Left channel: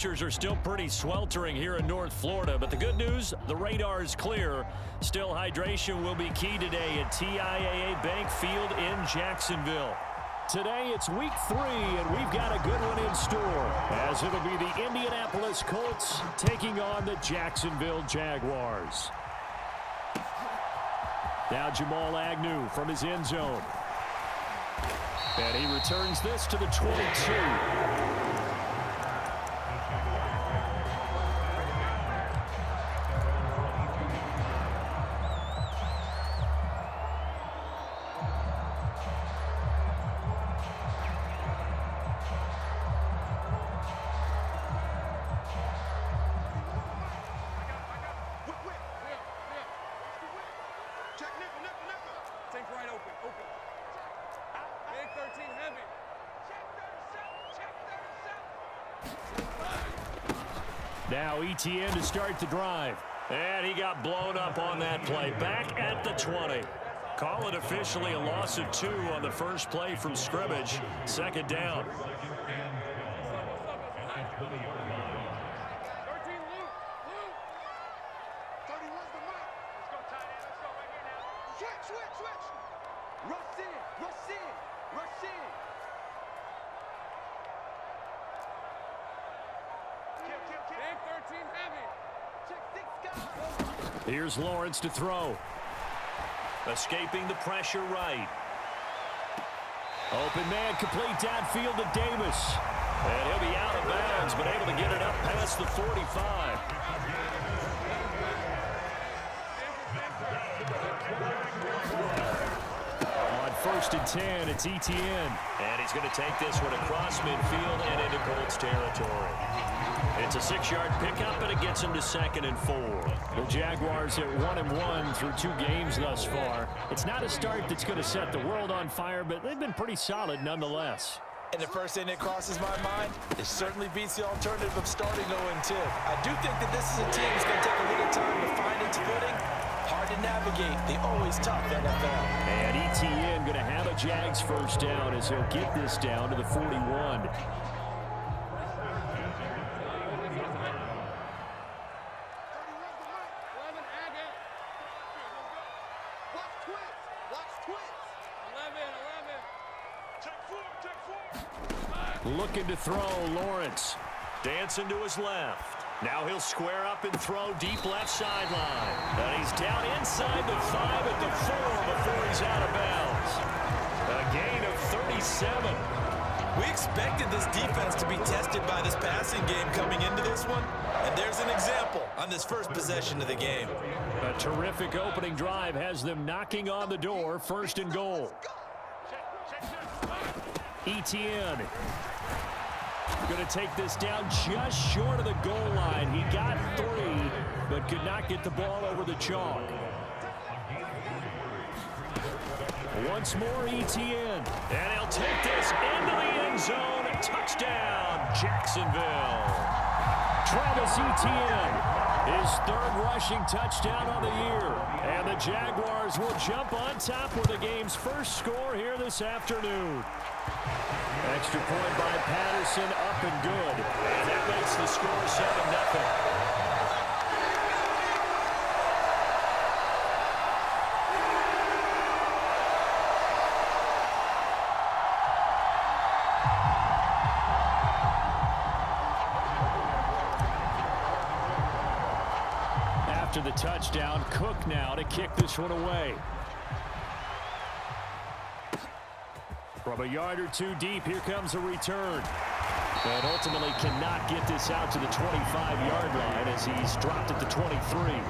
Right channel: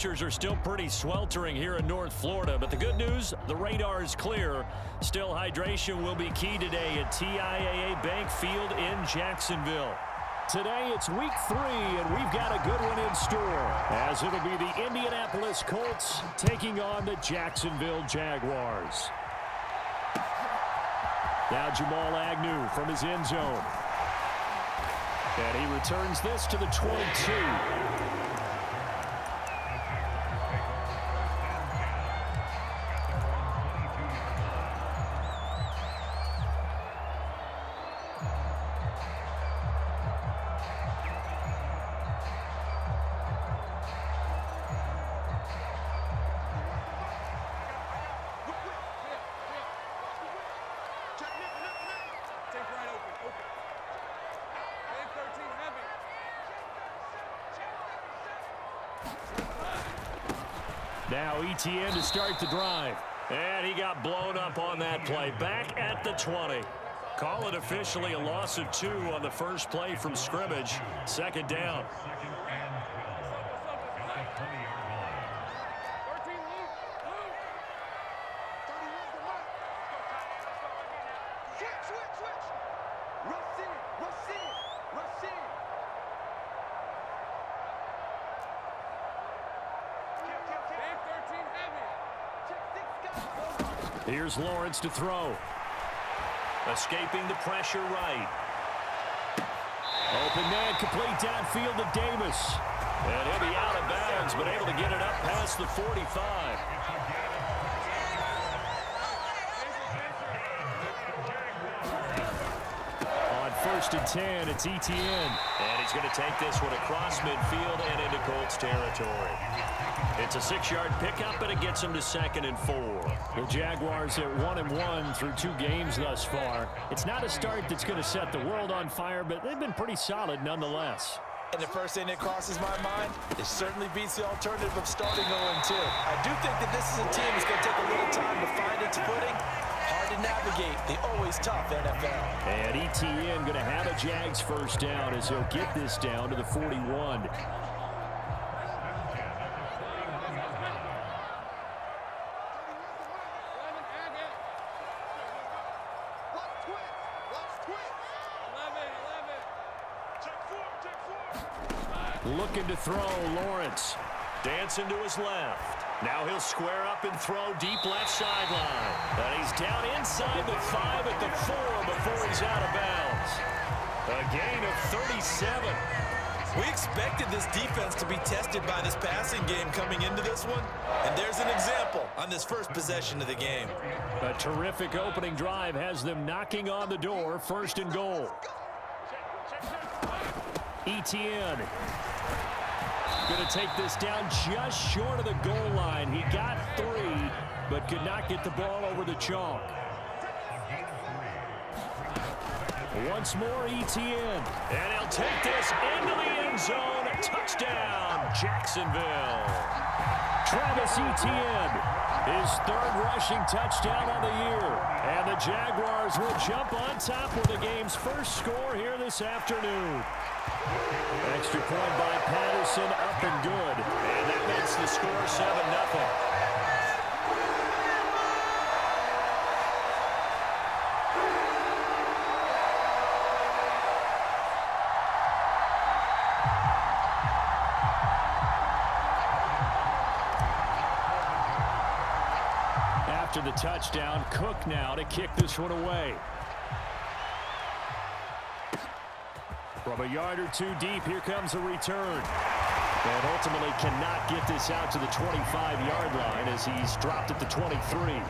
temperatures are still pretty sweltering here in North Florida, but the good news, the radar is clear. Still, hydration will be key today at TIAA Bank Field in Jacksonville. Today, it's week 3, and we've got a good one in store, as it'll be the Indianapolis Colts taking on the Jacksonville Jaguars. Now Jamal Agnew from his end zone. And he returns this to the 22. Now ETN to start the drive. And he got blown up on that play. Back at the 20. Call it officially a loss of 2 on the first play from scrimmage. Second down. Here's Lawrence to throw. Escaping the pressure right. Open man, complete downfield to Davis. And he'll be out of bounds, but able to get it up past the 45. On 1st and 10, it's ETN. And he's going to take this one across midfield and into Colts territory. It's a 6-yard pickup, and it gets him to 2nd and 4. The Jaguars at 1-1 through 2 games thus far. It's not a start that's going to set the world on fire, but they've been pretty solid nonetheless. And the first thing that crosses my mind, it certainly beats the alternative of starting 0-2. I do think that this is a team that's going to take a little time to find its footing. Hard to navigate the always tough NFL. And ETN going to have a Jags first down as he'll get this down to the 41. Looking to throw, Lawrence. Dancing to his left. Now he'll square up and throw deep left sideline. And he's down inside the 5 at the 4 before he's out of bounds. A gain of 37. We expected this defense to be tested by this passing game coming into this one. And there's an example on this first possession of the game. A terrific opening drive has them knocking on the door. 1st and goal. ETN. Going to take this down just short of the goal line. He got 3, but could not get the ball over the chalk. Once more, ETN. And he'll take this into the end zone. Touchdown, Jacksonville. Travis Etienne, his 3rd rushing touchdown on the year. And the Jaguars will jump on top with the game's first score here this afternoon. Extra point by Patterson, up and good. And that makes the score 7-0. After the touchdown, Cook now to kick this one away. From a yard or 2 deep, here comes a return. And ultimately cannot get this out to the 25-yard line as he's dropped at the 23.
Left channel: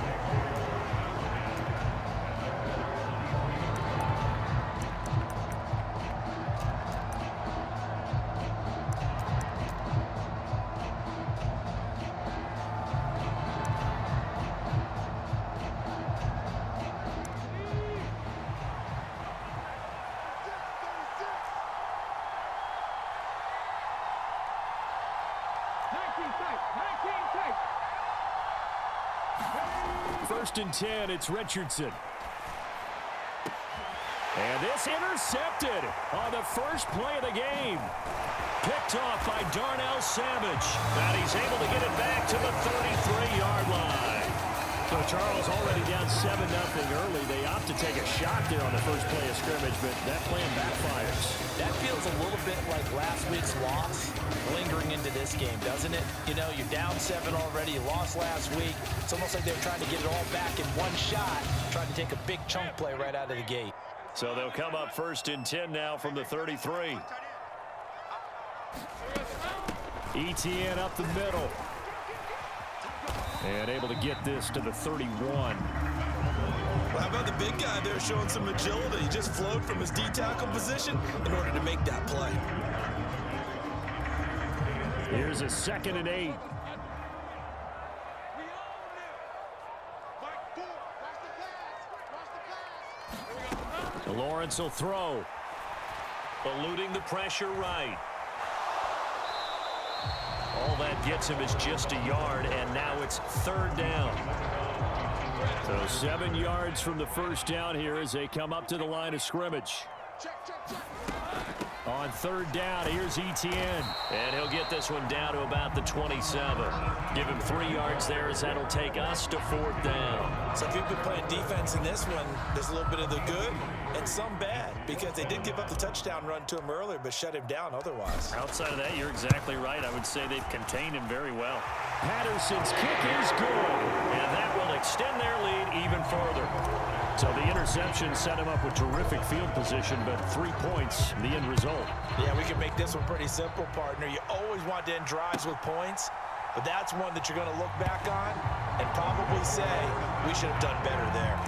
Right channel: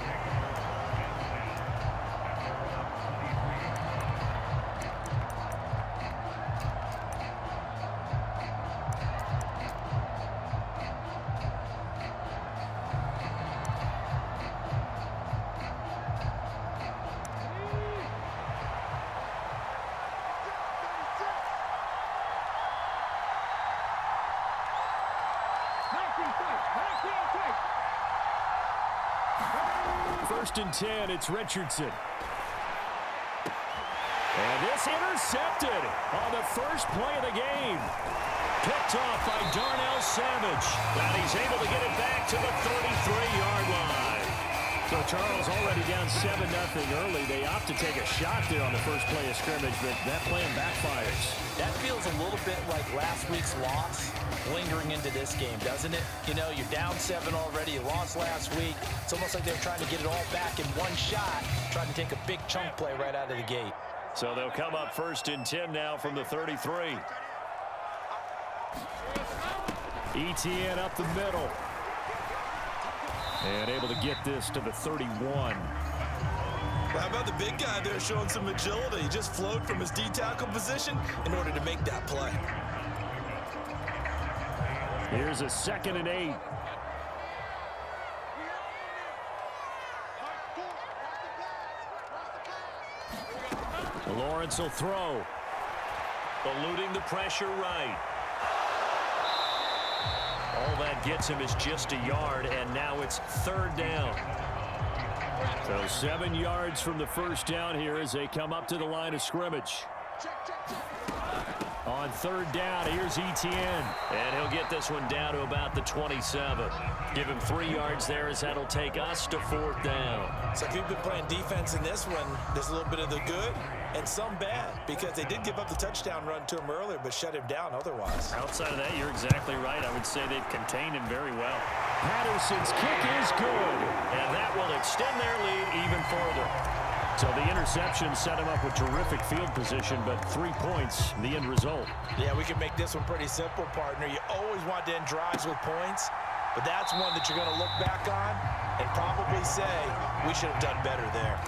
First and 10, it's Richardson. And this intercepted on the first play of the game. Picked off by Darnell Savage. And he's able to get it back to the 33-yard line. So Charles already down 7-0 early. They opt to take a shot there on the first play of scrimmage, but that plan backfires. That feels a little bit like last week's loss lingering into this game, doesn't it? You know, you're down 7 already. You lost last week. It's almost like they were trying to get it all back in one shot, trying to take a big chunk play right out of the gate. So they'll come up 1st and 10 now from the 33. ETN up the middle. And able to get this to the 31. Well, how about the big guy there showing some agility? He just flowed from his D-tackle position in order to make that play. Here's a 2nd and 8. Lawrence will throw. Eluding the pressure right. All that gets him is just a yard, and now it's 3rd down. So 7 yards from the first down here as they come up to the line of scrimmage. On 3rd down, here's ETN. And he'll get this one down to about the 27. Give him 3 yards there as that'll take us to 4th down. So if you've been playing defense in this one, there's a little bit of the good and some bad, because they did give up the touchdown run to him earlier but shut him down otherwise. Outside of that, you're exactly right. I would say they've contained him very well. Patterson's kick is good, and that will extend their lead even further. So the interception set him up with terrific field position, but 3 points, the end result. Yeah, we can make this one pretty simple, partner. You always want to end drives with points, but that's one that you're going to look back on and probably say, we should have done better there.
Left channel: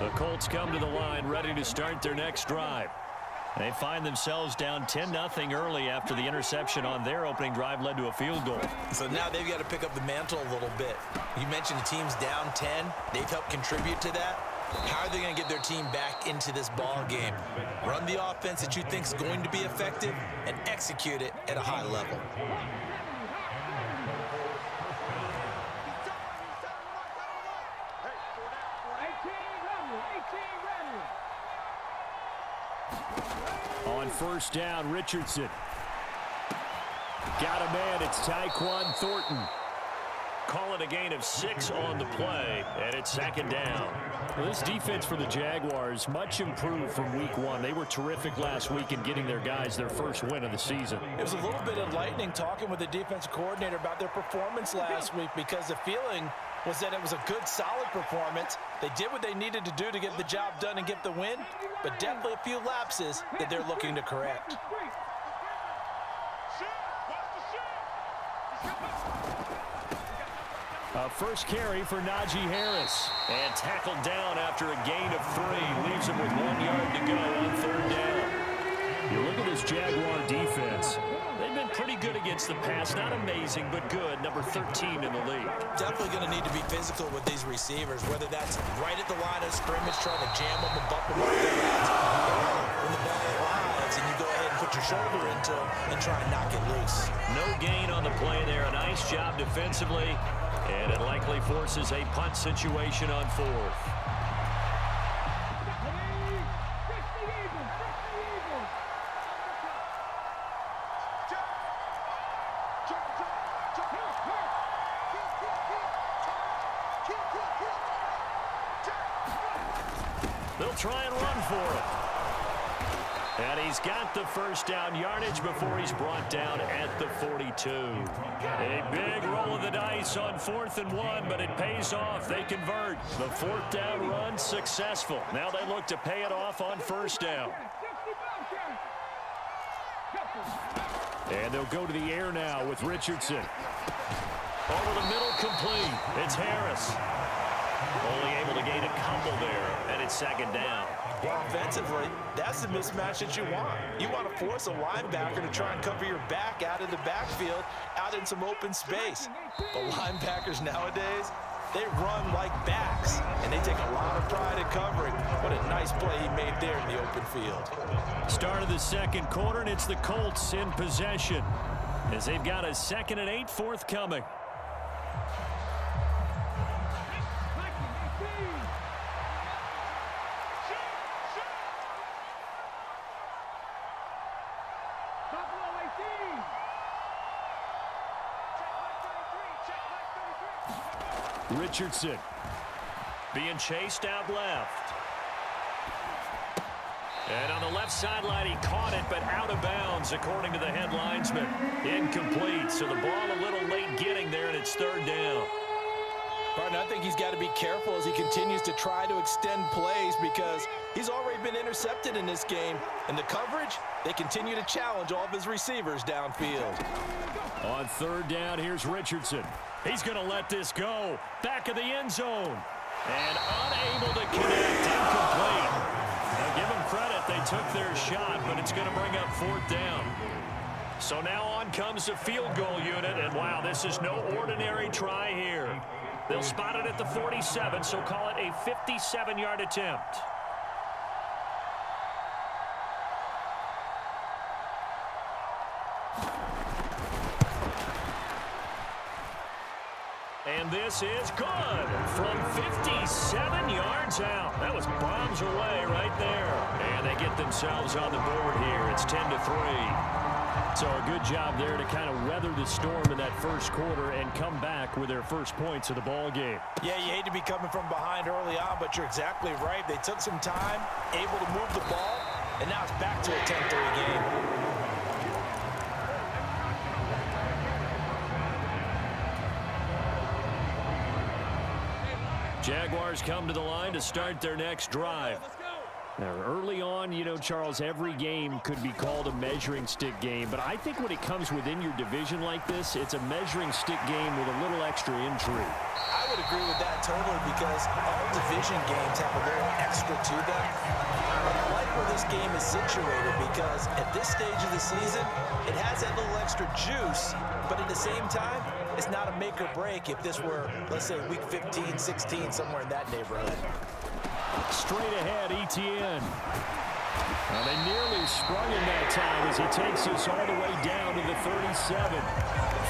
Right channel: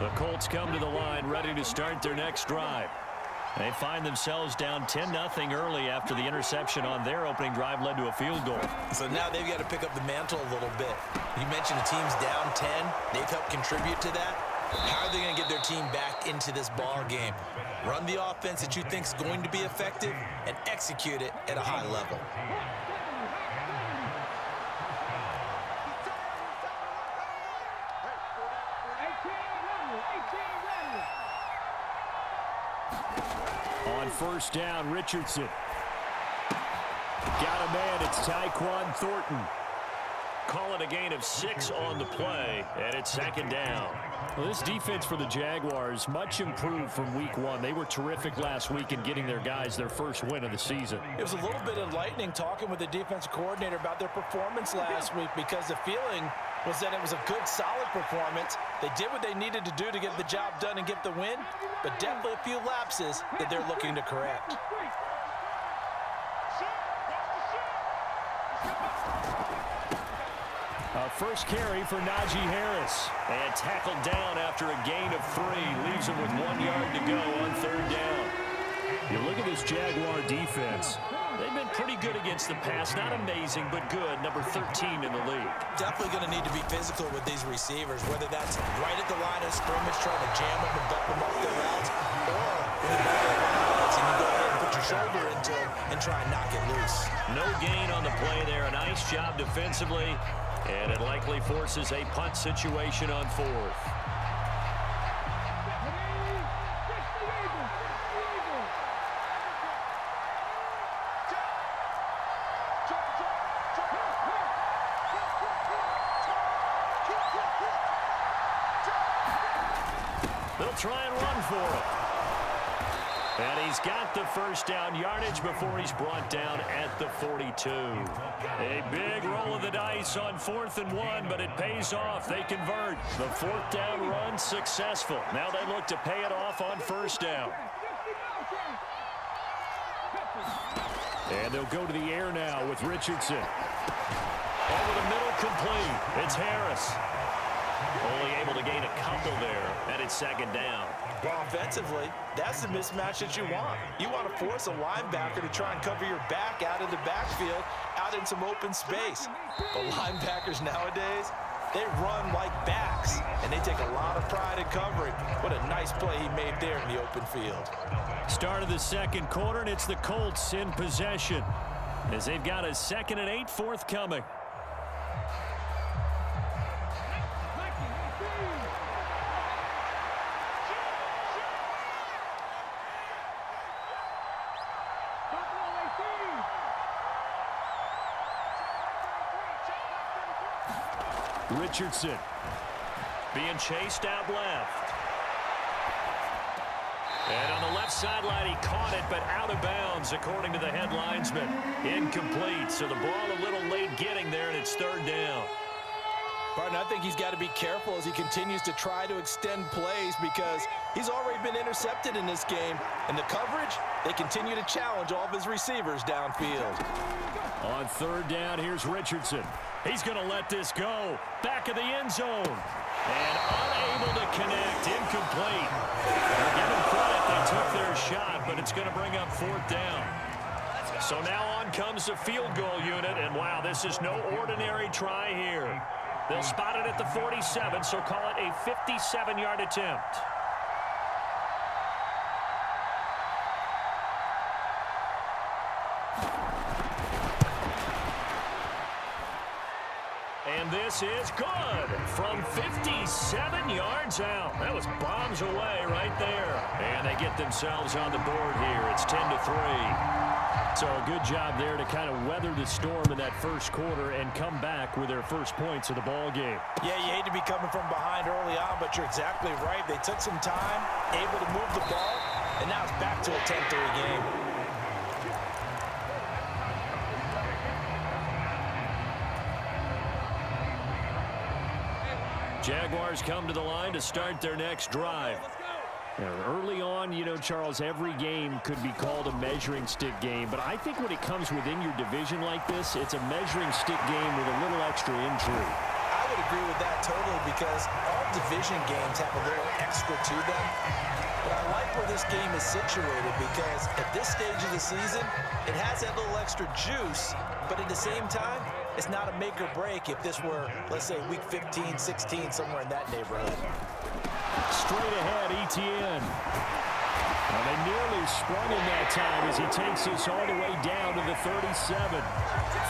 The Colts come to the line ready to start their next drive. They find themselves down 10-0 early after the interception on their opening drive led to a field goal. So now they've got to pick up the mantle a little bit. You mentioned the team's down 10. They've helped contribute to that. How are they going to get their team back into this ball game? Run the offense that you think is going to be effective and execute it at a high level. On 1st down, Richardson. Got a man, it's Tyquan Thornton. Call it a gain of 6 on the play, and it's 2nd down. Well, this defense for the Jaguars, much improved from week 1. They were terrific last week in getting their guys their first win of the season. It was a little bit enlightening talking with the defensive coordinator about their performance last week, because the feeling was that it was a good, solid performance. They did what they needed to do to get the job done and get the win, but definitely a few lapses that they're looking to correct. First carry for Najee Harris. And tackled down after a gain of 3. Leaves him with 1 yard to go on 3rd down. You look at this Jaguar defense. They've been pretty good against the pass. Not amazing, but good. Number 13 in the league. Definitely going to need to be physical with these receivers, whether that's right at the line of scrimmage, trying to jam them and bump them off their routes, or when the ball arrives and you go ahead and put your shoulder into them and try and knock it loose. No gain on the play there. A nice job defensively, and it likely forces a punt situation on 4th. They'll try and run for him. And he's got the first down yardage before he's brought down at the 42. A big roll of the dice on 4th and 1, but it pays off. They convert. The 4th down run successful. Now they look to pay it off on 1st down. And they'll go to the air now with Richardson. Over the middle, complete. It's Harris. Only able to gain a couple there, and it's 2nd down. Well, offensively, that's the mismatch that you want. You want to force a linebacker to try and cover your back out of the backfield, out in some open space. But linebackers nowadays, they run like backs, and they take a lot of pride in covering. What a nice play he made there in the open field. Start of the 2nd quarter, and it's the Colts in possession as they've got a 2nd and 8 forthcoming. Richardson being chased out left. And on the left sideline, he caught it, but out of bounds, according to the head linesman. Incomplete, so the ball a little late getting there, and it's third down. Partner, I think he's got to be careful as he continues to try to extend plays because he's already been intercepted in this game. And the coverage, they continue to challenge all of his receivers downfield. On third down, here's Richardson. He's going to let this go. Back of the end zone. And unable to connect. Incomplete. Now give them credit. They took their shot, but it's going to bring up fourth down. So now on comes the field goal unit. And, wow, this is no ordinary try here. They'll spot it at the 47, so call it a 57-yard attempt. And this is good from 57 yards out. That was bombs away right there. And they get themselves on the board here. It's 10-3. So a good job there to kind of weather the storm in that first quarter and come back with their first points of the ball game. Yeah, you hate to be coming from behind early on, but you're exactly right. They took some time, able to move the ball, and now it's back to a 10-3 game. Jaguars come to the line to start their next drive. Now, early on, you know, Charles, every game could be called a measuring stick game. But I think when it comes within your division like this, it's a measuring stick game with a little extra intrigue. I would agree with that totally because all division games have a little extra to them. But I like where this game is situated because at this stage of the season, it has that little extra juice. But at the same time, it's not a make or break if this were, let's say, week 15, 16, somewhere in that neighborhood. Straight ahead, Etienne. They nearly sprung him that time as he takes us all the way down to the 37.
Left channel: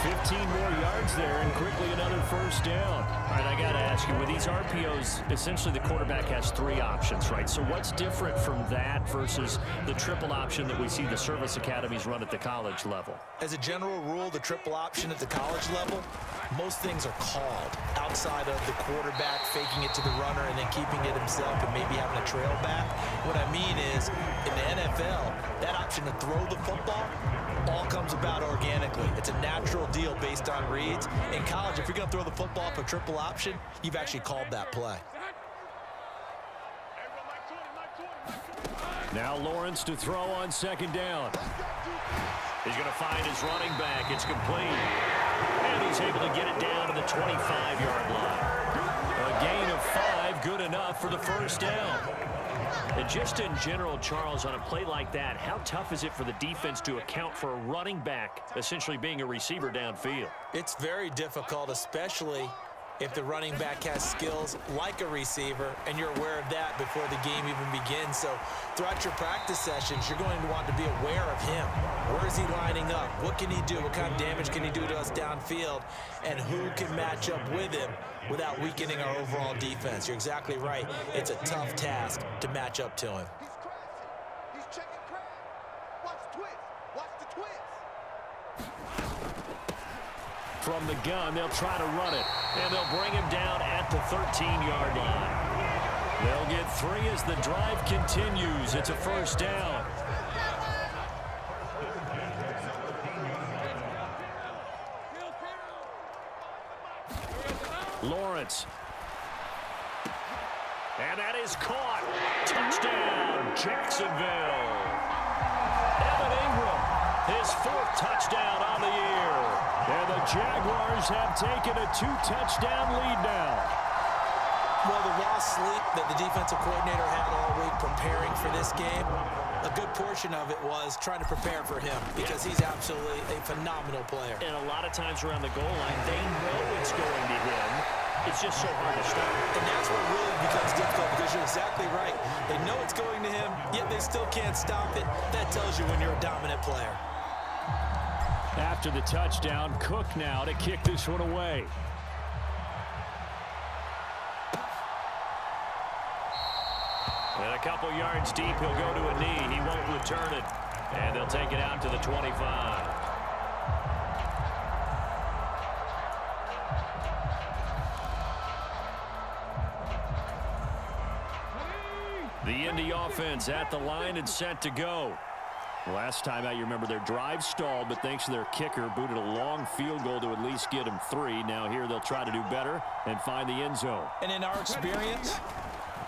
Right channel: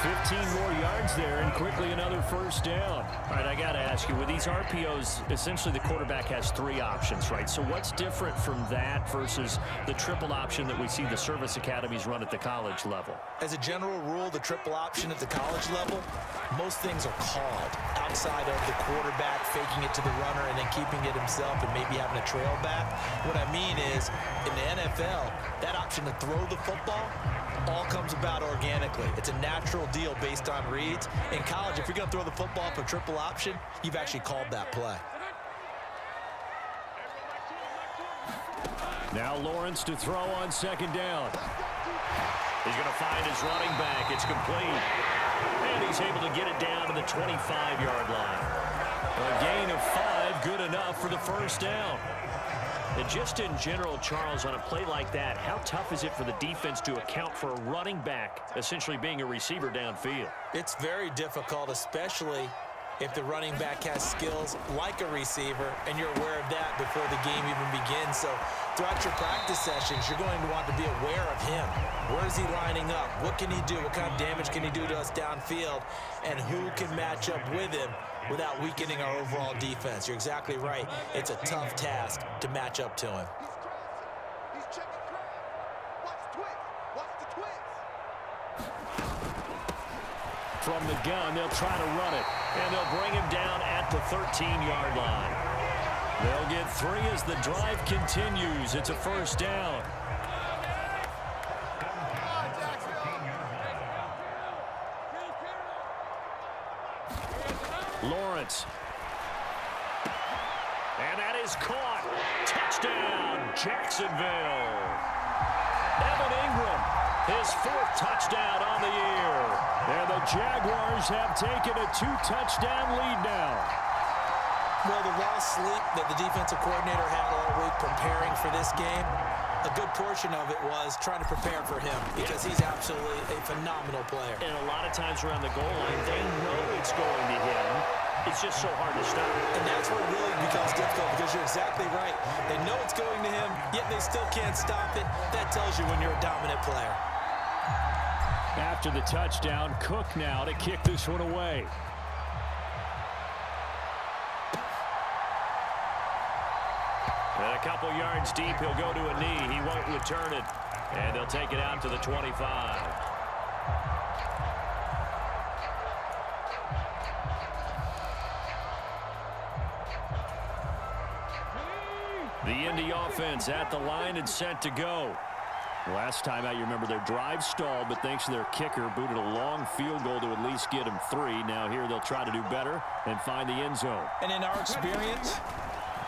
15 more yards there and quickly another first down. All right, I got to ask you, with these RPOs, essentially the quarterback has three options, right? So what's different from that versus the triple option that we see the service academies run at the college level? As a general rule, the triple option at the college level, most things are called outside of the quarterback faking it to the runner and then keeping it himself and maybe having a trail back. What I mean is, in the NFL, that option to throw the football all comes about organically. It's a natural deal based on reads. In college, if you're going to throw the football for triple option, you've actually called that play. Now Lawrence to throw on second down. He's going to find his running back. It's complete. And he's able to get it down to the 25-yard line. A gain of 5, good enough for the first down. And just in general, Charles, on a play like that, how tough is it for the defense to account for a running back essentially being a receiver downfield? It's very difficult, especially if the running back has skills like a receiver and you're aware of that before the game even begins. So throughout your practice sessions, you're going to want to be aware of him. Where is he lining up? What can he do? What kind of damage can he do to us downfield? And who can match up with him without weakening our overall defense? You're exactly right. It's a tough task to match up to him. He's checking crap. Watch the twist. Watch the twist. From the gun, they'll try to run it, and they'll bring him down at the 13-yard line. They'll get 3 as the drive continues. It's a first down. Lawrence. And that is caught. Touchdown, Jacksonville. Evan Ingram, his 4th touchdown on the year. And the Jaguars have taken a 2-touchdown lead now. Well, the lost sleep that the defensive coordinator had all week preparing for this game, a good portion of it was trying to prepare for him because he's absolutely a phenomenal player. And a lot of times around the goal line, they know it's going to him. It's just so hard to stop. And that's where it really becomes difficult because you're exactly right. They know it's going to him, yet they still can't stop it. That tells you when you're a dominant player. After the touchdown, Cook now to kick this one away. And a couple yards deep, he'll go to a knee. He won't return it. And they'll take it out to the 25. The Indy offense at the line and set to go. Last time out, you remember their drive stalled, but thanks to their kicker, booted a long field goal to at least get them 3. Now here they'll try to do better and find the end zone. And in our experience,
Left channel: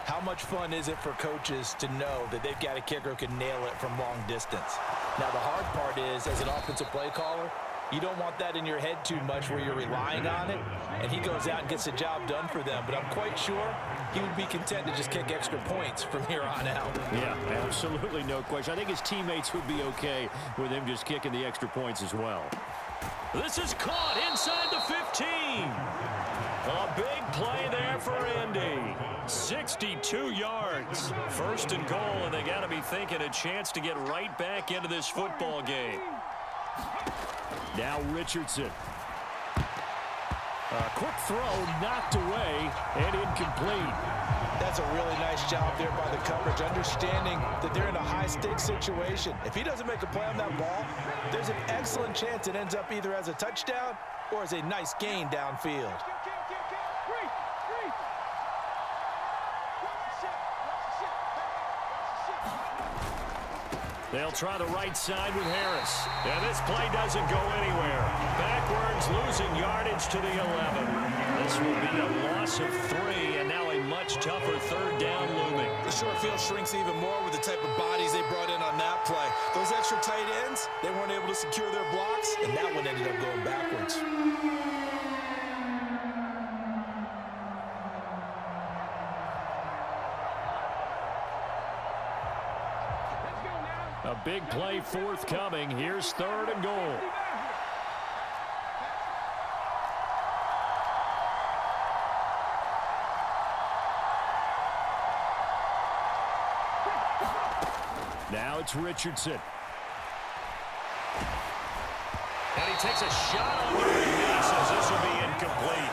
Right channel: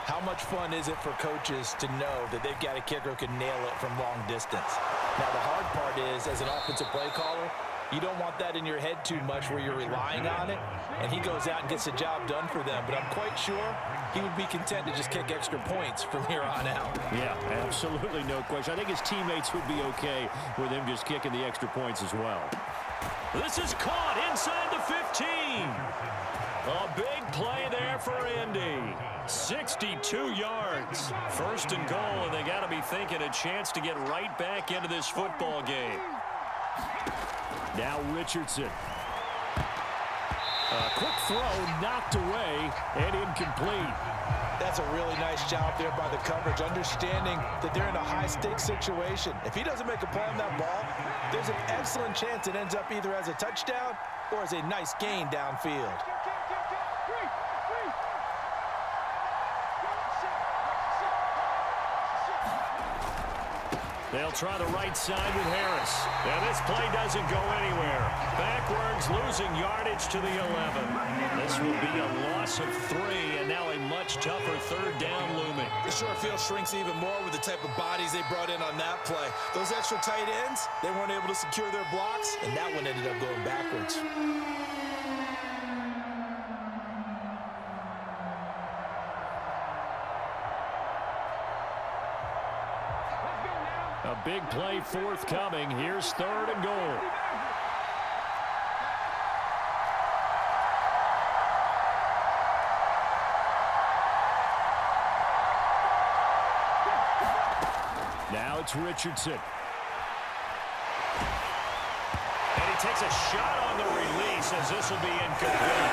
how much fun is it for coaches to know that they've got a kicker who can nail it from long distance? Now, the hard part is, as an offensive play caller, you don't want that in your head too much where you're relying on it, and he goes out and gets the job done for them. But I'm quite sure he would be content to just kick extra points from here on out. Yeah, absolutely no question. I think his teammates would be okay with him just kicking the extra points as well. This is caught inside the 15. A big play there for Indy. 62 yards. First and goal, and they got to be thinking a chance to get right back into this football game. Now Richardson. A quick throw knocked away and incomplete. That's a really nice job there by the coverage, understanding that they're in a high-stakes situation. If he doesn't make a play on that ball, there's an excellent chance it ends up either as a touchdown or as a nice gain downfield. They'll try the right side with Harris. And this play doesn't go anywhere. Backwards, losing yardage to the 11. This will be a loss of 3, and now a much tougher third down looming. The short field shrinks even more with the type of bodies they brought in on that play. Those extra tight ends, they weren't able to secure their blocks, and that one ended up going backwards. A big play forthcoming. Here's 3rd and goal. Now it's Richardson. And he takes a shot on the release as this will be incomplete.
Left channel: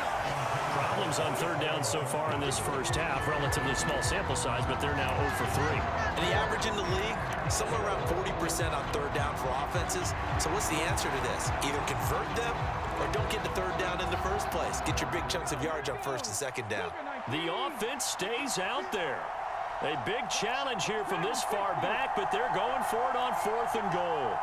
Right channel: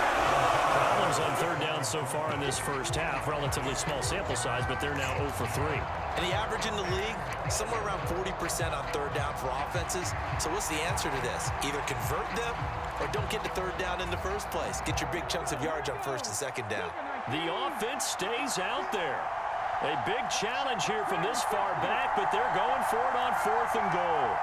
Problems on 3rd down so far in this first half. Relatively small sample size, but they're now 0 for 3. And the average in the league, somewhere around 40% on 3rd down for offenses. So what's the answer to this? Either convert them or don't get to 3rd down in the first place. Get your big chunks of yards on 1st and 2nd down. The offense stays out there. A big challenge here from this far back, but they're going for it on 4th and goal.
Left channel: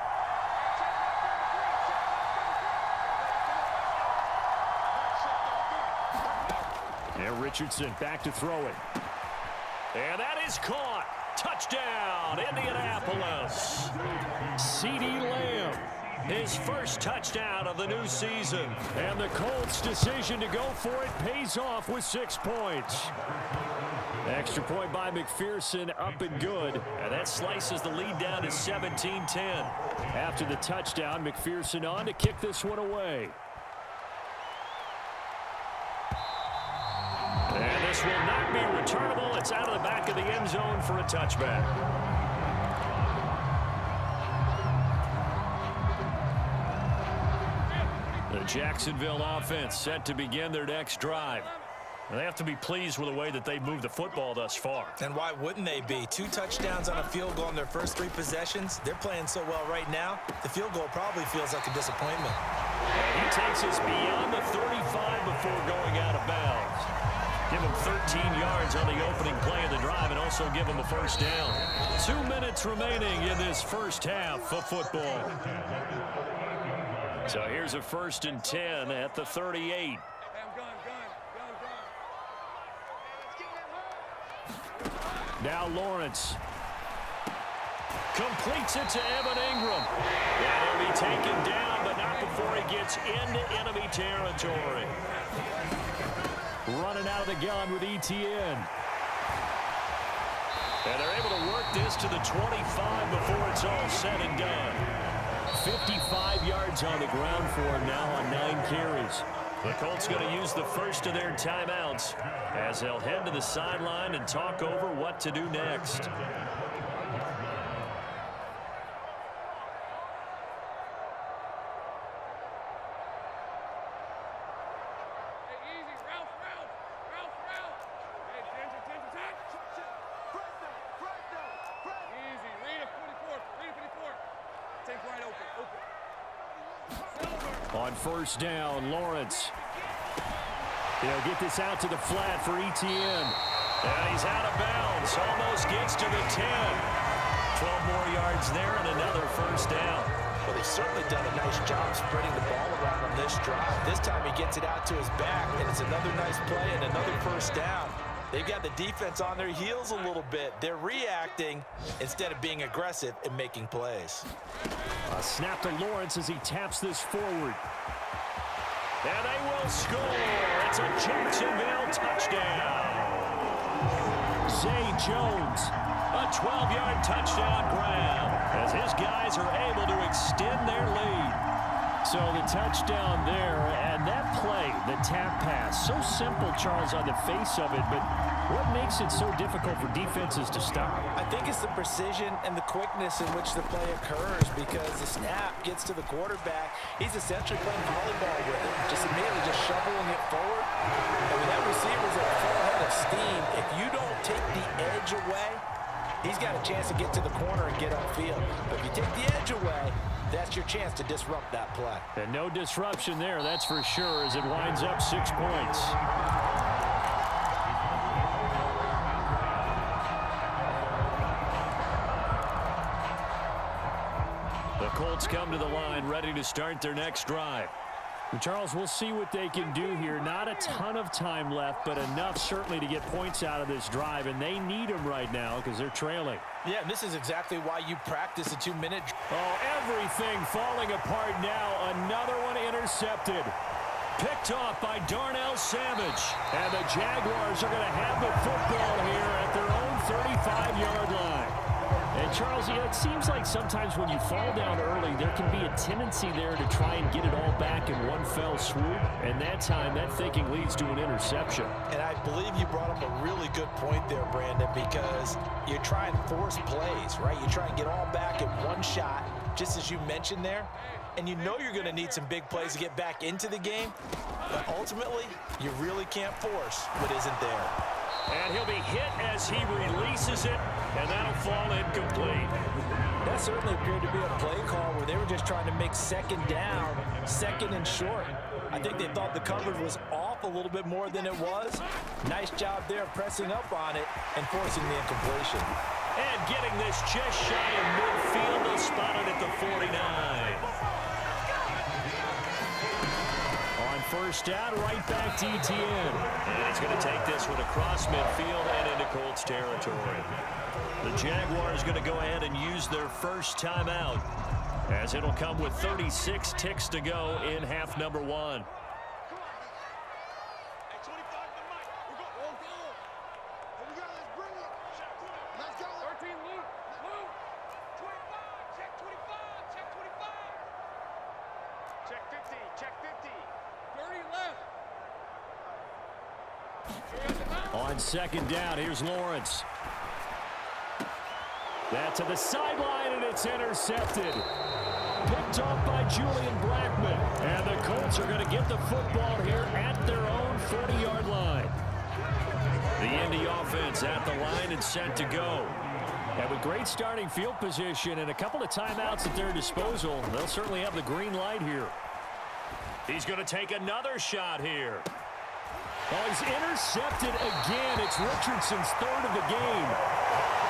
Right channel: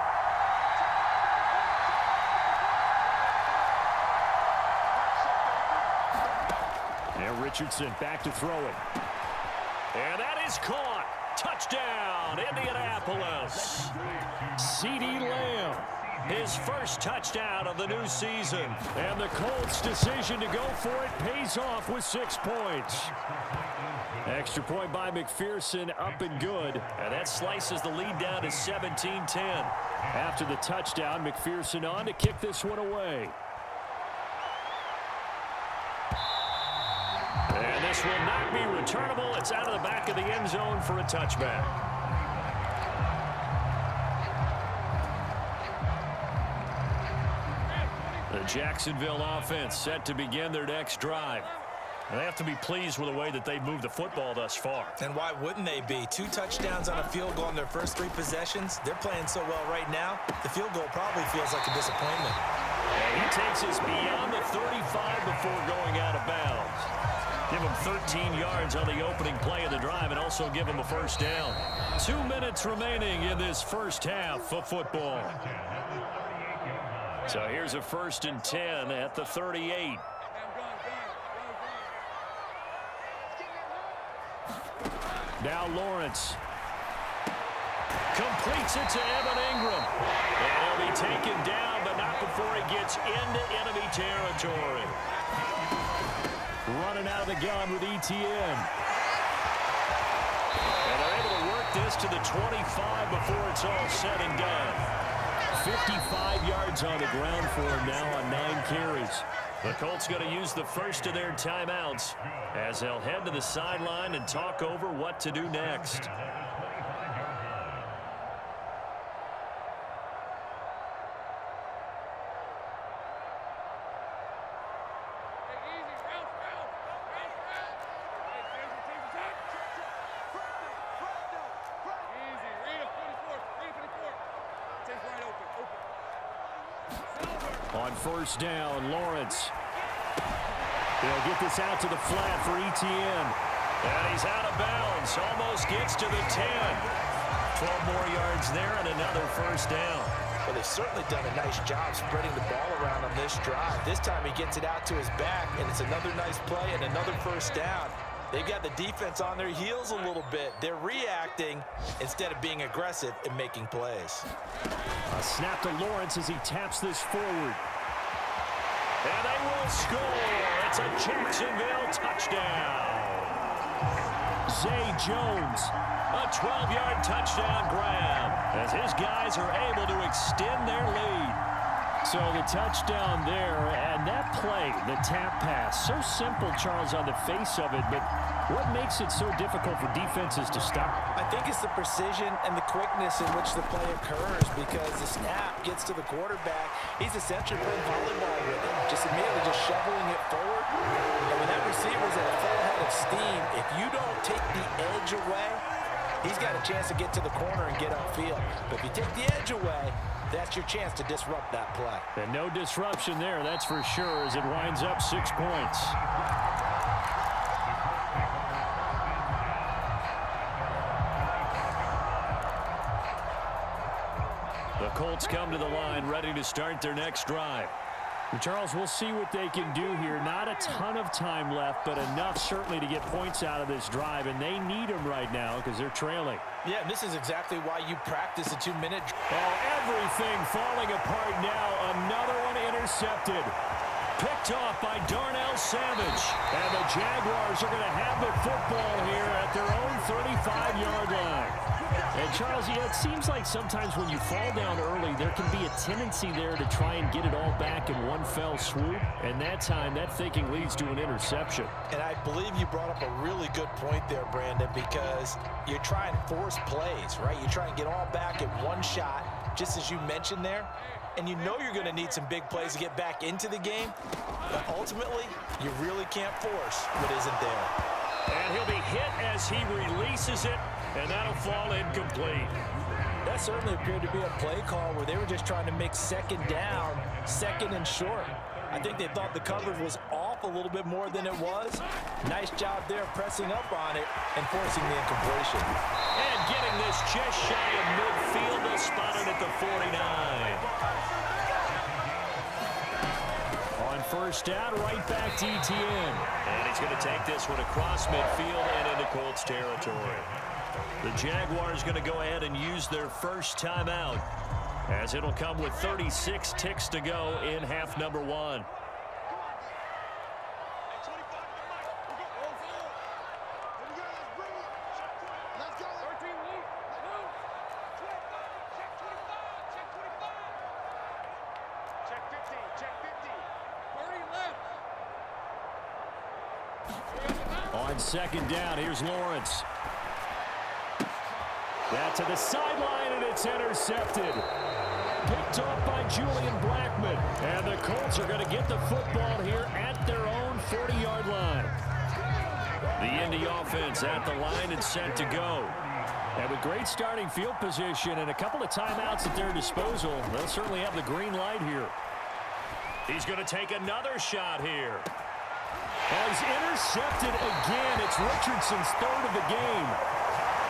And Richardson back to throw it. And that is caught. Touchdown, Indianapolis. CeeDee Lamb, his first touchdown of the new season. And the Colts' decision to go for it pays off with 6 points. Extra point by McPherson, up and good. And that slices the lead down to 17-10. After the touchdown, McPherson on to kick this one away. And this will not be returnable. It's out of the back of the end zone for a touchback. The Jacksonville offense set to begin their next drive. And they have to be pleased with the way that they've moved the football thus far. And why wouldn't they be? 2 touchdowns on a field goal in their first 3 possessions. They're playing so well right now, the field goal probably feels like a disappointment. And he takes us beyond the 35 before going out of bounds. Give him 13 yards on the opening play of the drive and also give him a first down. 2 minutes remaining in this first half of football. So here's a 1st and 10 at the 38. Now Lawrence completes it to Evan Ingram. And he'll be taken down, but not before he gets into enemy territory. Running out of the gun with Etienne. And they're able to work this to the 25 before it's all said and done. 55 yards on the ground for him now on 9 carries. The Colts going to use the first of their timeouts as they'll head to the sideline and talk over what to do next. On 1st down, Lawrence. They'll get this out to the flat for Etienne. And he's out of bounds. Almost gets to the 10. 12 more yards there and another first down. Well, they've certainly done a nice job spreading the ball around on this drive. This time he gets it out to his back, and it's another nice play and another first down. They've got the defense on their heels a little bit. They're reacting instead of being aggressive and making plays. A snap to Lawrence as he taps this forward. And they will score. It's a Jacksonville touchdown. Zay Jones, a 12-yard touchdown grab as his guys are able to extend their lead. So the touchdown there, and that play, the tap pass, so simple, Charles, on the face of it, but what makes it so difficult for defenses to stop? I think it's the precision and the quickness in which the play occurs, because the snap gets to the quarterback. He's essentially playing volleyball with it, just immediately just shoveling it forward. And when that receiver's at a full head of steam, if you don't take the edge away, he's got a chance to get to the corner and get upfield. But if you take the edge away, that's your chance to disrupt that play. And no disruption there, that's for sure, as it winds up 6 points. The Colts come to the line, ready to start their next drive. And Charles, we'll see what they can do here. Not a ton of time left, but enough certainly to get points out of this drive, and they need them right now because they're trailing. Yeah, and this is exactly why you practice a 2-minute. Oh, everything falling apart now. Another one intercepted. Picked off by Darnell Savage. And the Jaguars are going to have the football here at their own 35-yard line. And, Charles, yeah, it seems like sometimes when you fall down early, there can be a tendency there to try and get it all back in one fell swoop. And that time, that thinking leads to an interception. And I believe you brought up a really good point there, Brandon, because you try and force plays, right? You try and get all back in one shot, just as you mentioned there. And you know you're going to need some big plays to get back into the game. But ultimately, you really can't force what isn't there. And he'll be hit as he releases it, and that'll fall incomplete. That certainly appeared to be a play call where they were just trying to make second down, second and short. I think they thought the coverage was off a little bit more than it was. Nice job there pressing up on it and forcing the incompletion. And getting this just shy of midfield, they'll spot it at the 49. On first down, right back to Etienne. And he's going to take this one across midfield and into Colts territory. The Jaguars going to go ahead and use their first timeout, as it'll come with 36 ticks to go in half number 1. On second down, here's Lawrence. That to the sideline, and it's intercepted. Picked off by Julian Blackmon. And the Colts are going to get the football here at their own 40-yard line. The Indy offense at the line and set to go. And with great starting field position and a couple of timeouts at their disposal, they'll certainly have the green light here. He's going to take another shot here. Oh, he's intercepted again. It's Richardson's third of the game.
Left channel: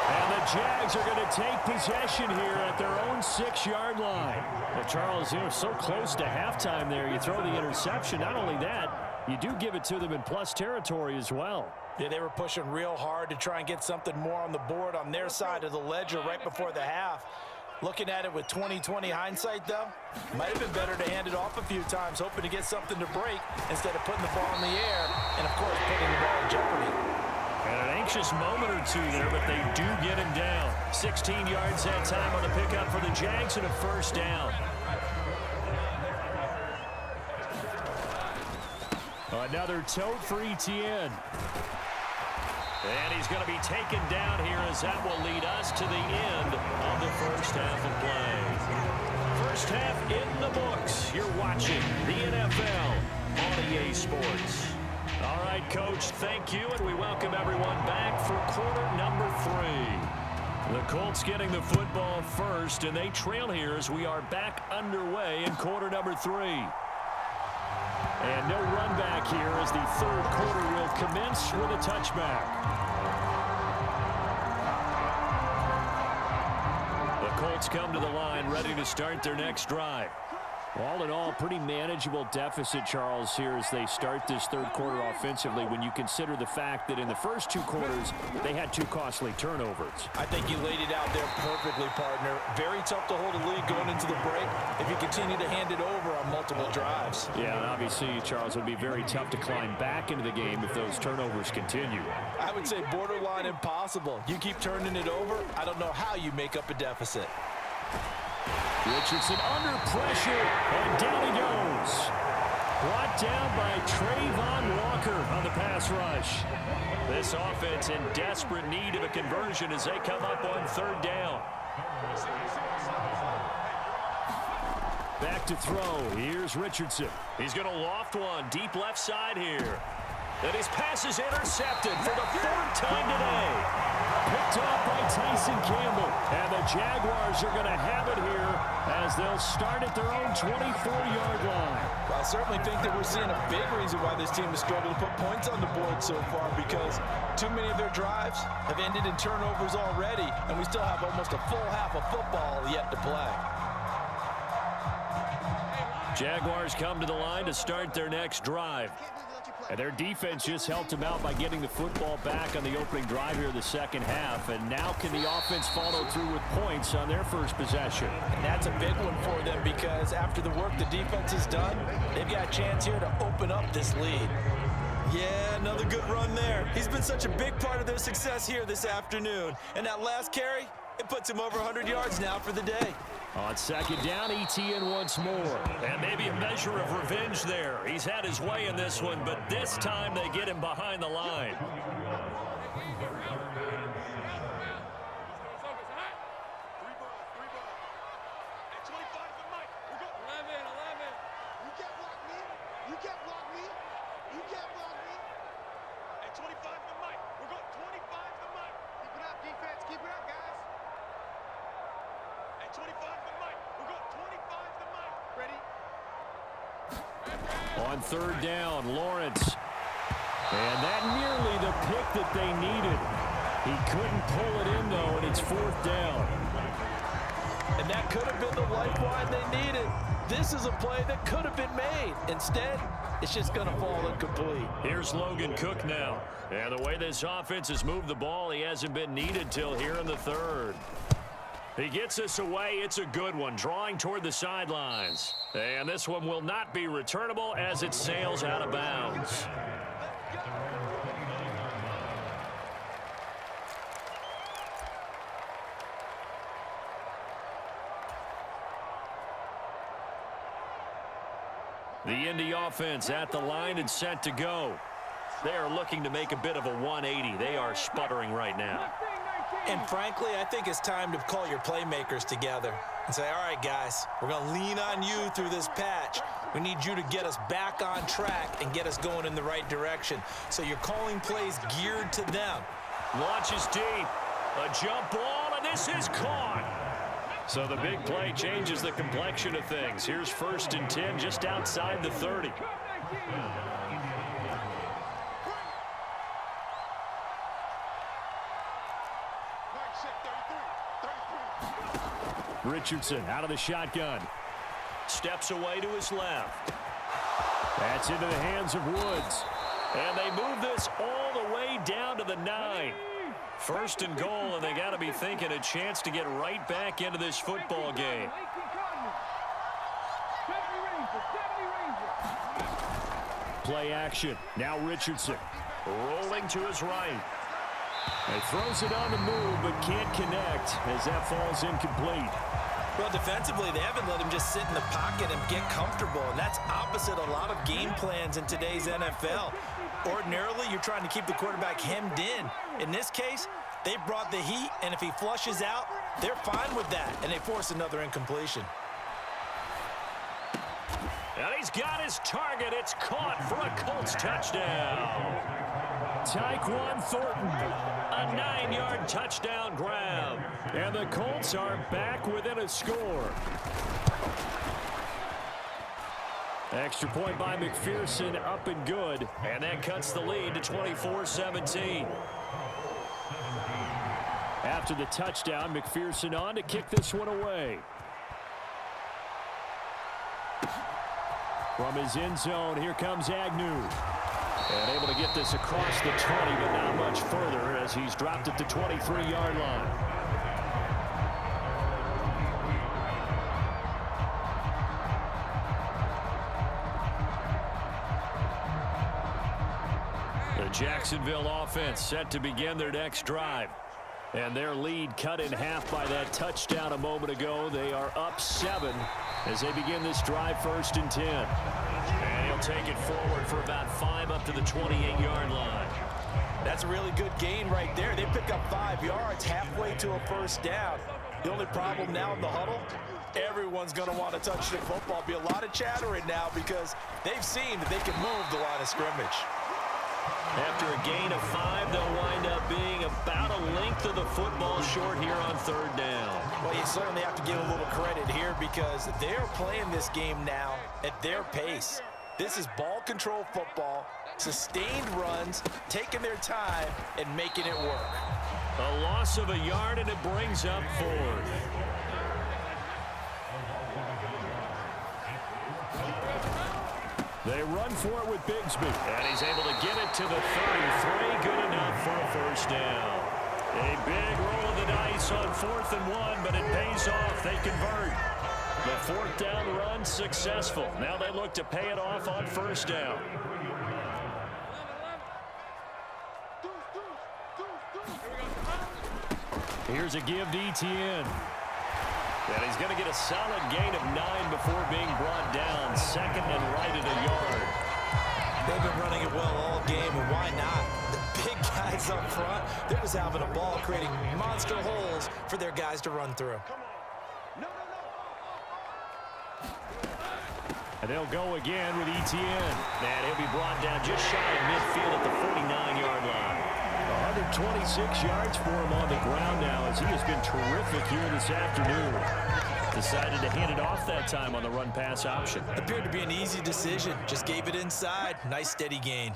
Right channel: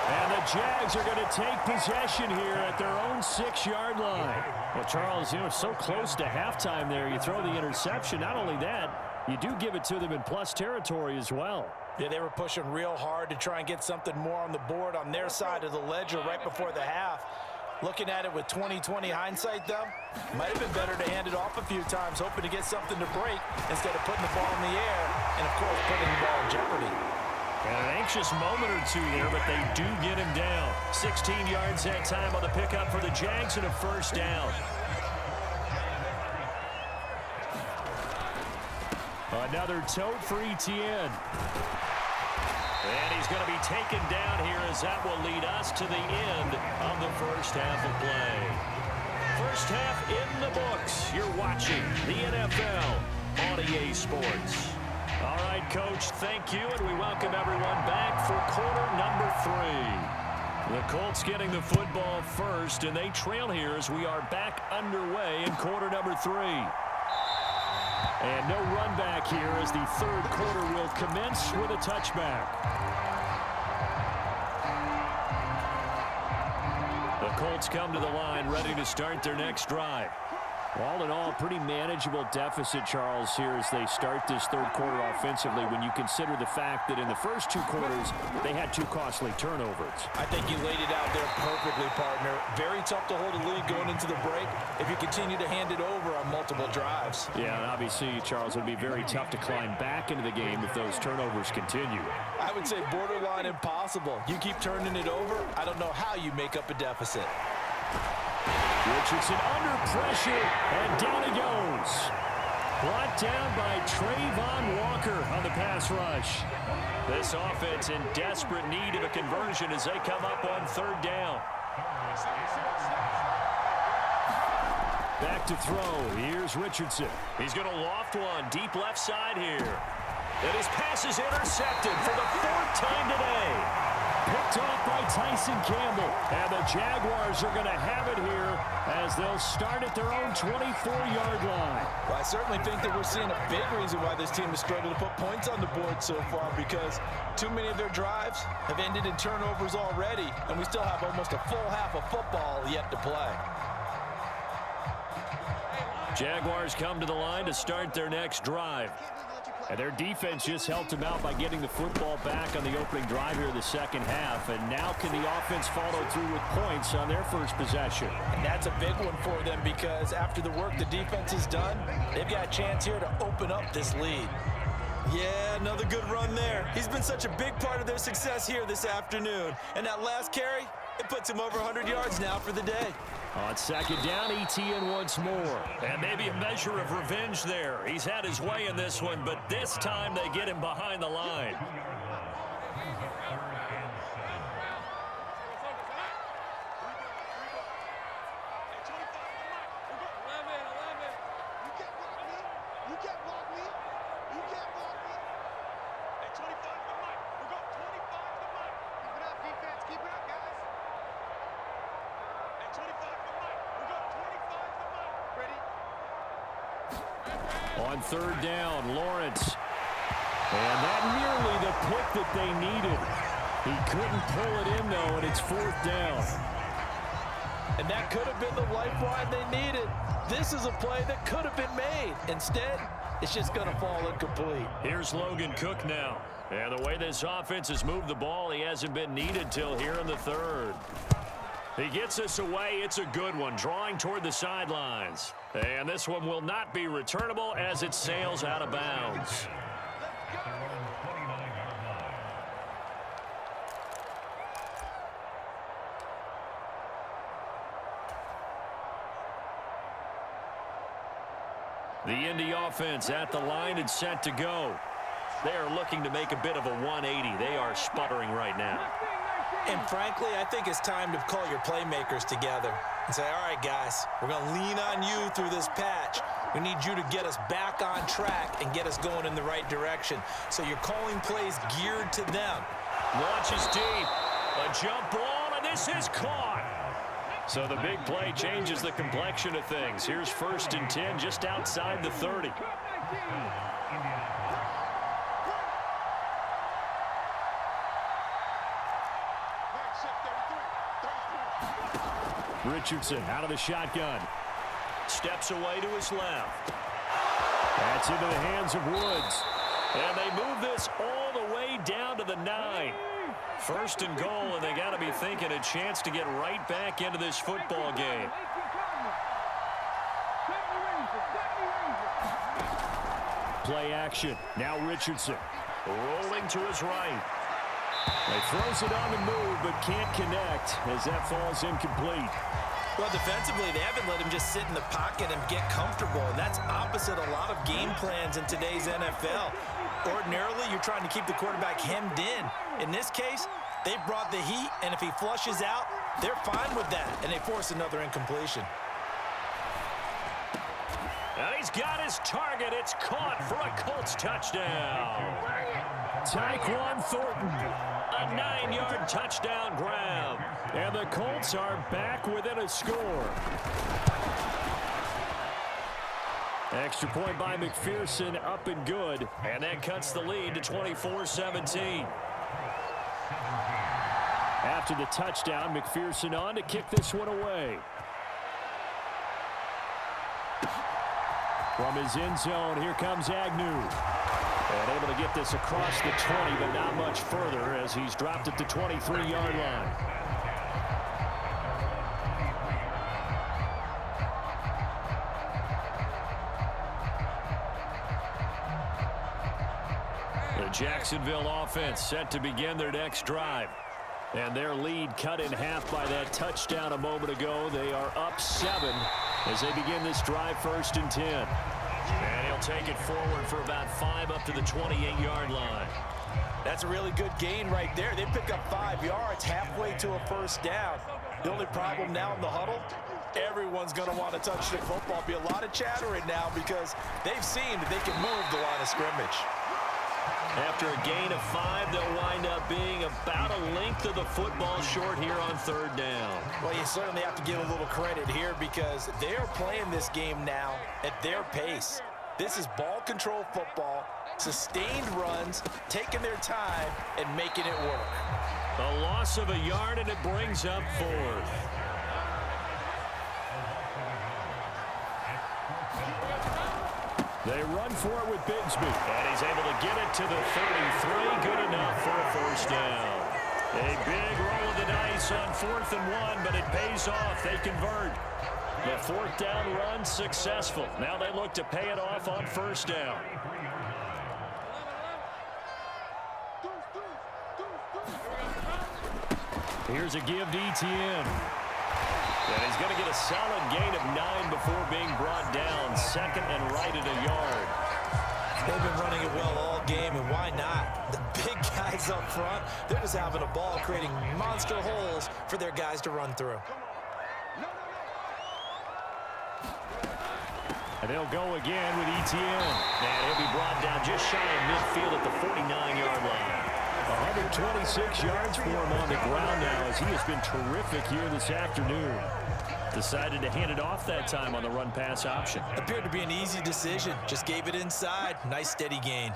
And the Jags are going to take possession here at their own 6-yard line. Well, Charles, you know, so close to halftime there. You throw the interception. Not only that, you do give it to them in plus territory as well. Yeah, they were pushing real hard to try and get something more on the board on their side of the ledger right before the half. Looking at it with 20/20 hindsight, though, might have been better to hand it off a few times, hoping to get something to break instead of putting the ball in the air and, of course, putting the ball in jeopardy. And an anxious moment or two there, but they do get him down. 16 yards that time on the pickup for the Jags and a first down. Another tote for Etienne. And he's going to be taken down here, as that will lead us to the end of the first half of play. First half in the books. You're watching the NFL on EA Sports. All right, Coach, thank you, and we welcome everyone back for quarter number 3. The Colts getting the football first, and they trail here as we are back underway in quarter number 3. And no run back here as the third quarter will commence with a touchback. Colts come to the line, ready to start their next drive. All in all, pretty manageable deficit, Charles, here as they start this third quarter offensively when you consider the fact that in the first two quarters, they had two costly turnovers. I think you laid it out there perfectly, partner. Very tough to hold a lead going into the break if you continue to hand it over on multiple drives. Yeah, and obviously, Charles, it would be very tough to climb back into the game if those turnovers continue. I would say borderline impossible. You keep turning it over, I don't know how you make up a deficit. Richardson under pressure, and down he goes. Brought down by Trayvon Walker on the pass rush. This offense in desperate need of a conversion as they come up on third down. Back to throw. Here's Richardson. He's going to loft one deep left side here. And his pass is intercepted for the fourth time today. Picked off by Tyson Campbell. And the Jaguars are going to have it here as they'll start at their own 24-yard line. Well, I certainly think that we're seeing a big reason why this team has struggled to put points on the board so far, because too many of their drives have ended in turnovers already, and we still have almost a full half of football yet to play. Jaguars come to the line to start their next drive. And their defense just helped them out by getting the football back on the opening drive here in the second half. And now can the offense follow through with points on their first possession? And that's a big one for them, because after the work the defense has done, they've got a chance here to open up this lead. Yeah, another good run there. He's been such a big part of their success here this afternoon. And that last carry, it puts him over 100 yards now for the day. On second down, Etienne once more. And maybe a measure of revenge there. He's had his way in this one, but this time they get him behind the line. On third down, Lawrence. And that nearly the pick that they needed. He couldn't pull it in, though, and it's fourth down. And that could have been the lifeline they needed. This is a play that could have been made. Instead, it's just going to fall incomplete. Here's Logan Cook now. And the way this offense has moved the ball, he hasn't been needed till here in the third. He gets this away. It's a good one, drawing toward the sidelines. And this one will not be returnable as it sails out of bounds. The Indy offense at the line and set to go. They are looking to make a bit of a 180. They are sputtering right now. And frankly, I think it's time to call your playmakers together and say, all right, guys, we're going to lean on you through this patch. We need you to get us back on track and get us going in the right direction. So you're calling plays geared to them. Launches deep. A jump ball, and this is caught. So the big play changes the complexion of things. Here's 1st and 10 just outside the 30. Richardson out of the shotgun. Steps away to his left. That's into the hands of Woods. And they move this all the way down to the 9. 1st and goal, and they got to be thinking a chance to get right back into this football game. Play action. Now Richardson rolling to his right. He throws it on the move, but can't connect as that falls incomplete. Well, defensively, they haven't let him just sit in the pocket and get comfortable, and that's opposite a lot of game plans in today's NFL. Ordinarily, you're trying to keep the quarterback hemmed in. In this case, they brought the heat, and if he flushes out, they're fine with that, and they force another incompletion. And he's got his target. It's caught for a Colts touchdown. Tyquan Thornton, a 9-yard touchdown grab. And the Colts are back within a score. Extra point by McPherson, up and good. And that cuts the lead to 24-17. After the touchdown, McPherson on to kick this one away. From his end zone, here comes Agnew. And able to get this across the 20, but not much further as he's dropped at the 23-yard line. The Jacksonville offense set to begin their next drive. And their lead cut in half by that touchdown a moment ago. They are up 7 as they begin this drive, 1st and 10. And he'll take it forward for about 5 up to the 28-yard line. That's a really good gain right there. They pick up 5 yards halfway to a 1st down. The only problem now in the huddle, everyone's going to want to touch the football. Be a lot of chattering now because they've seen that they can move the line of scrimmage. After a gain of 5, they'll wind up being about a length of the football short here on 3rd down. Well, you certainly have to give a little credit here because they're playing this game now at their pace. This is ball control football, sustained runs, taking their time, and making it work. A loss of a yard, and it brings up 4th. They run for it with Bigsby, and he's able to get it to the 33. Good enough for a 1st down. A big roll of the dice on 4th and 1, but it pays off. They convert. The 4th down run successful. Now they look to pay it off on 1st down. Here's a give to Etienne. And he's going to get a solid gain of 9 before being brought down. 2nd and right at a yard. They've been running it well all game, and why not? The big guys up front, they're just having a ball, creating monster holes for their guys to run through. And they'll go again with Etienne. And he'll be brought down just shy of midfield at the 49-yard line. 126 yards for him on the ground now as he has been terrific here this afternoon. Decided to hand it off that time on the run-pass option. Appeared to be an easy decision. Just gave it inside. Nice steady gain.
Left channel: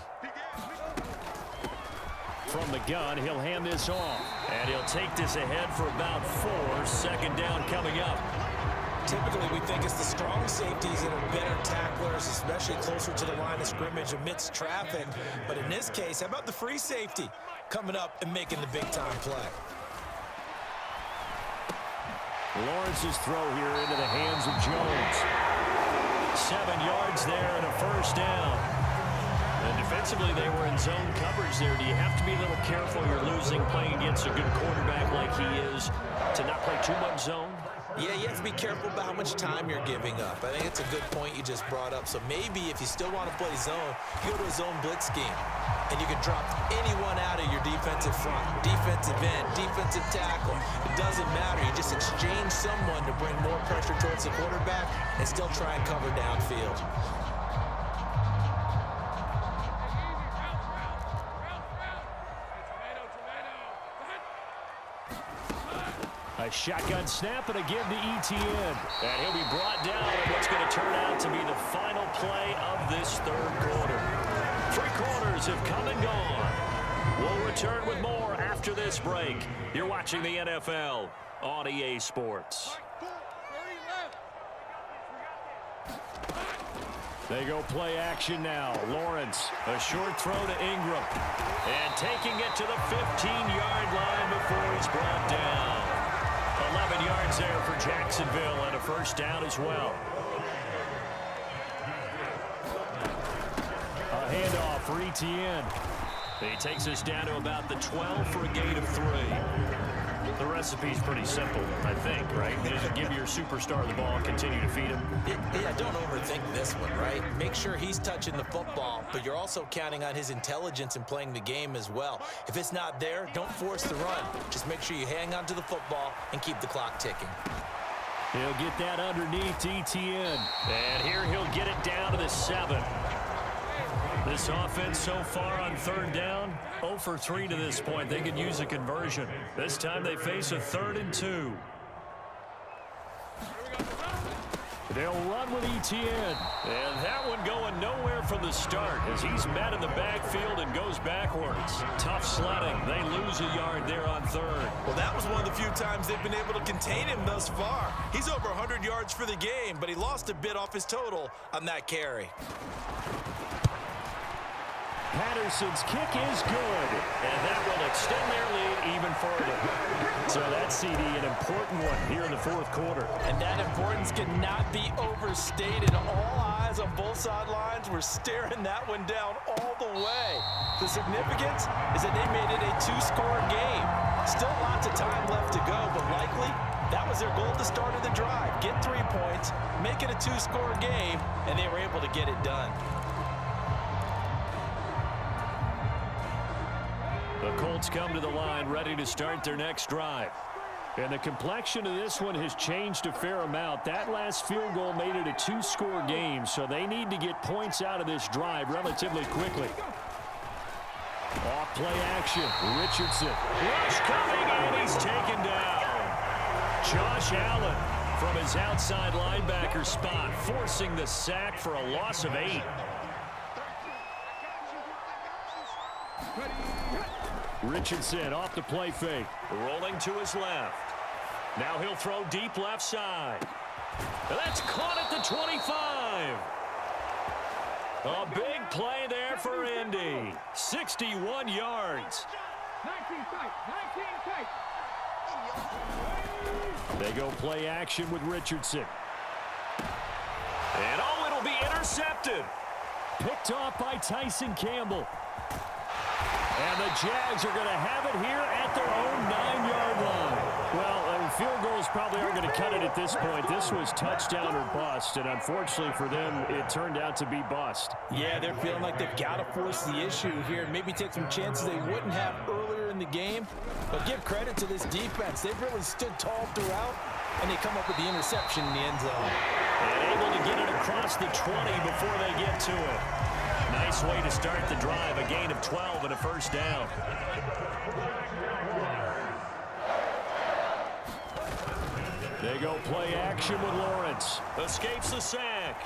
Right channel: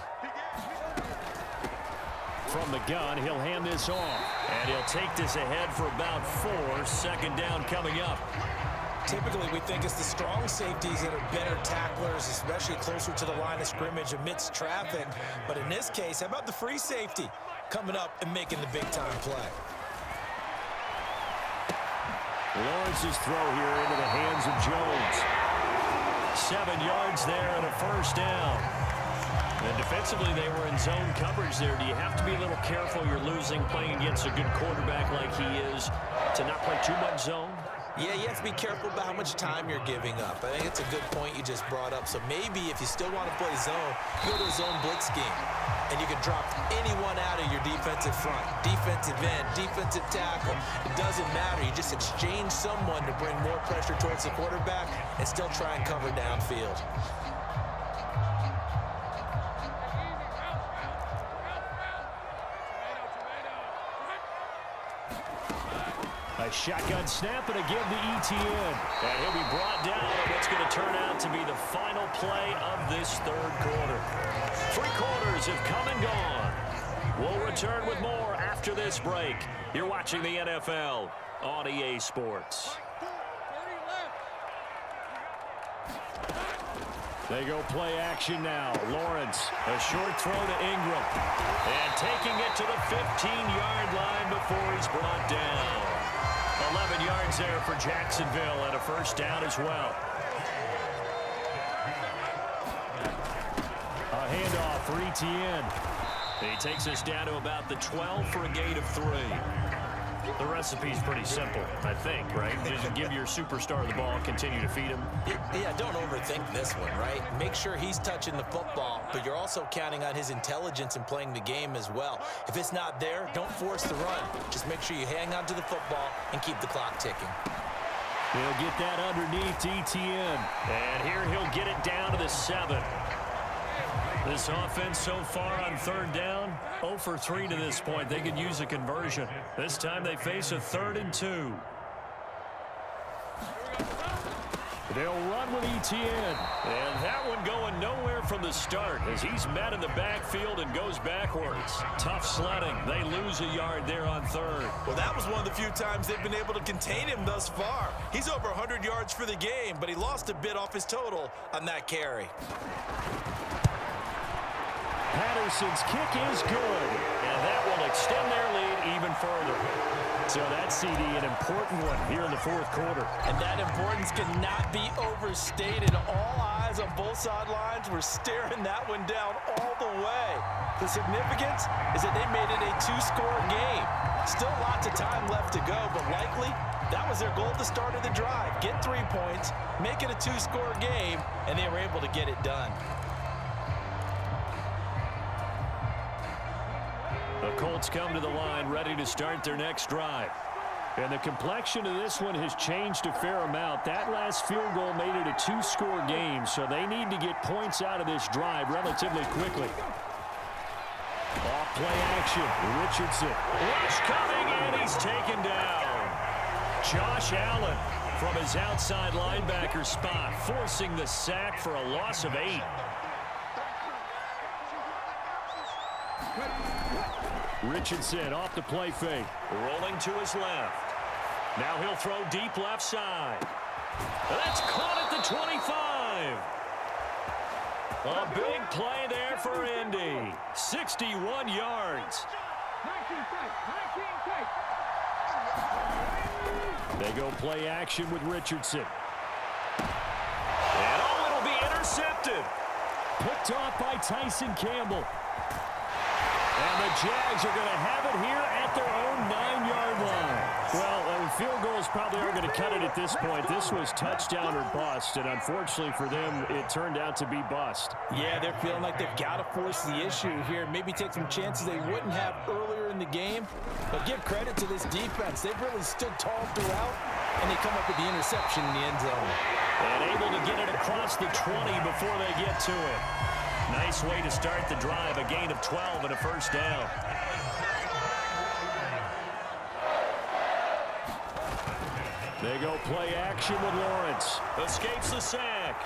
From the gun, he'll hand this off. And he'll take this ahead for about 4. 2nd down coming up. Typically, we think it's the strong safeties that are better tacklers, especially closer to the line of scrimmage amidst traffic. But in this case, how about the free safety coming up and making the big-time play? Lawrence's throw here into the hands of Jones. 7 yards there and a 1st down. And defensively, they were in zone coverage there. Do you have to be a little careful? You're losing playing against a good quarterback like he is to not play too much zone? Yeah, you have to be careful about how much time you're giving up. I think it's a good point you just brought up. So maybe if you still want to play zone, you go to a zone blitz scheme. And you can drop anyone out of your defensive front. Defensive end, defensive tackle. It doesn't matter. You just exchange someone to bring more pressure towards the quarterback and still try and cover downfield. A shotgun snap and a give to Etienne. And he'll be brought down on what's going to turn out to be the final play of this 3rd quarter. 3 quarters have come and gone. We'll return with more after this break. You're watching the NFL on EA Sports. They go play action now. Lawrence, a short throw to Ingram. And taking it to the 15-yard line before he's brought down. 11 yards there for Jacksonville and a 1st down as well. A handoff for Etienne. He takes us down to about the 12 for a gain of 3. The recipe's pretty simple, I think, right? Just give your superstar the ball, continue to feed him. Yeah, don't overthink this one, right? Make sure he's touching the football, but you're also counting on his intelligence in playing the game as well. If it's not there, don't force the run. Just make sure you hang on to the football and keep the clock ticking. He'll get that underneath Etienne. And here he'll get it down to the 7. This offense so far on 3rd down, 0 for 3 to this point. They could use a conversion. This time they face a 3rd and 2. They'll run with ETN. And that one going nowhere from the start as he's met in the backfield and goes backwards. Tough sledding. They lose a yard there on third. Well, that was one of the few times they've been able to contain him thus far. He's over 100 yards for the game, but he lost a bit off his total on that carry. Patterson's kick is good, and that will extend their lead even further. So that's CD, an important one here in the fourth quarter. And that importance cannot be overstated. All eyes on both sidelines were staring that one down all the way. The significance is that they made it a two-score game. Still lots of time left to go, but likely that was their goal at the start of the drive. Get 3 points, make it a two-score game, and they were able to get it done. The Colts come to the line ready to start their next drive. And the complexion of this one has changed a fair amount. That last field goal made it a two-score game, so they need to get points out of this drive relatively quickly. Off play action. Richardson. Rush coming, and he's taken down. Josh Allen from his outside linebacker spot, forcing the sack for a loss of 8. Richardson off the play fake. Rolling to his left. Now he'll throw deep left side. That's caught at the 25. A big play there for Indy. 61 yards. 19 tight. They go play action with Richardson. And it'll be intercepted. Picked off by Tyson Campbell. And the Jags are going to have it here at their own 9-yard line. Well, field goals probably aren't going to cut it at this point. This was touchdown or bust, and unfortunately for them, it turned out to be bust. Yeah, they're feeling like they've got to force the issue here, maybe take some chances they wouldn't have earlier in the game. But give credit to this defense. They've really stood tall throughout, and they come up with the interception in the end zone. And able to get it across the 20 before they get to it. Nice way to start the drive, a gain of 12 and a first down. They go play action with Lawrence. Escapes the sack.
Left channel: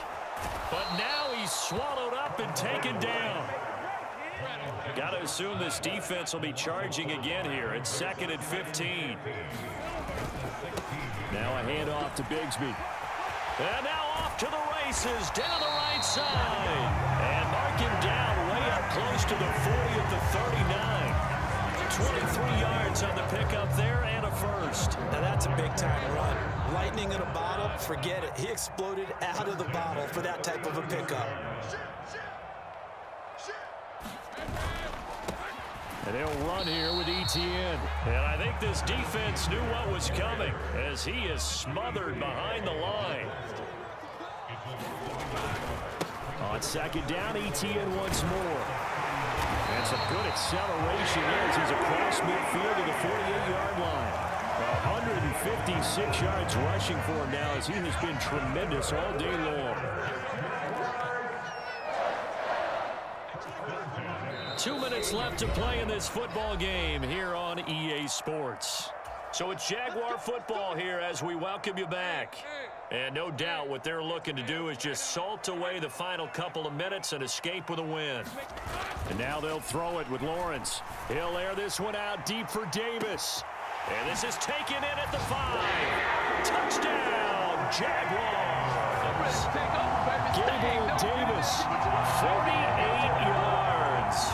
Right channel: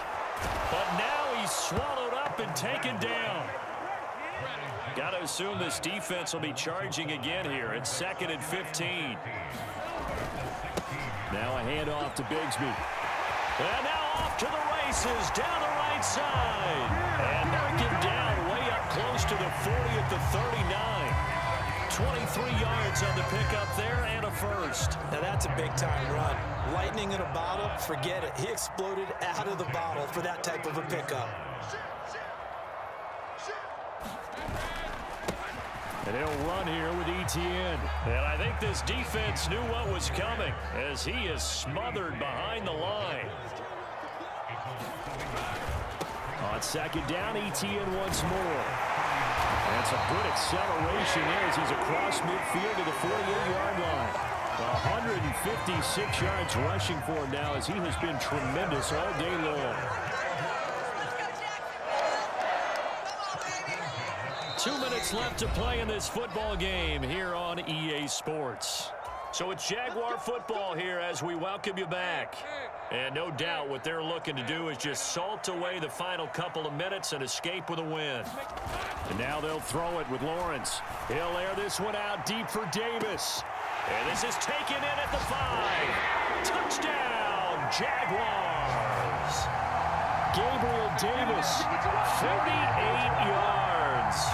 But now he's swallowed up and taken down. Got to assume this defense will be charging again here. It's 2nd and 15. Now a handoff to Bigsby. And now off to the races, down the right side. And mark him down way up close to the 40 at the 39. 23 yards on the pickup there and a first. Now that's a big-time run. Lightning in a bottle, forget it. He exploded out of the bottle for that type of a pickup. And he'll run here with ETN. And I think this defense knew what was coming as he is smothered behind the line. On 2nd down, ETN once more. And some good acceleration as he's across midfield to the 48-yard line. 156 yards rushing for him now as he has been tremendous all day long. 2 minutes left to play in this football game here on EA Sports. So it's Jaguar football here as we welcome you back. And no doubt what they're looking to do is just salt away the final couple of minutes and escape with a win. And now they'll throw it with Lawrence. He'll air this one out deep for Davis. And this is taken in at the 5. Touchdown, Jaguars. Gabriel Davis, 48 yards.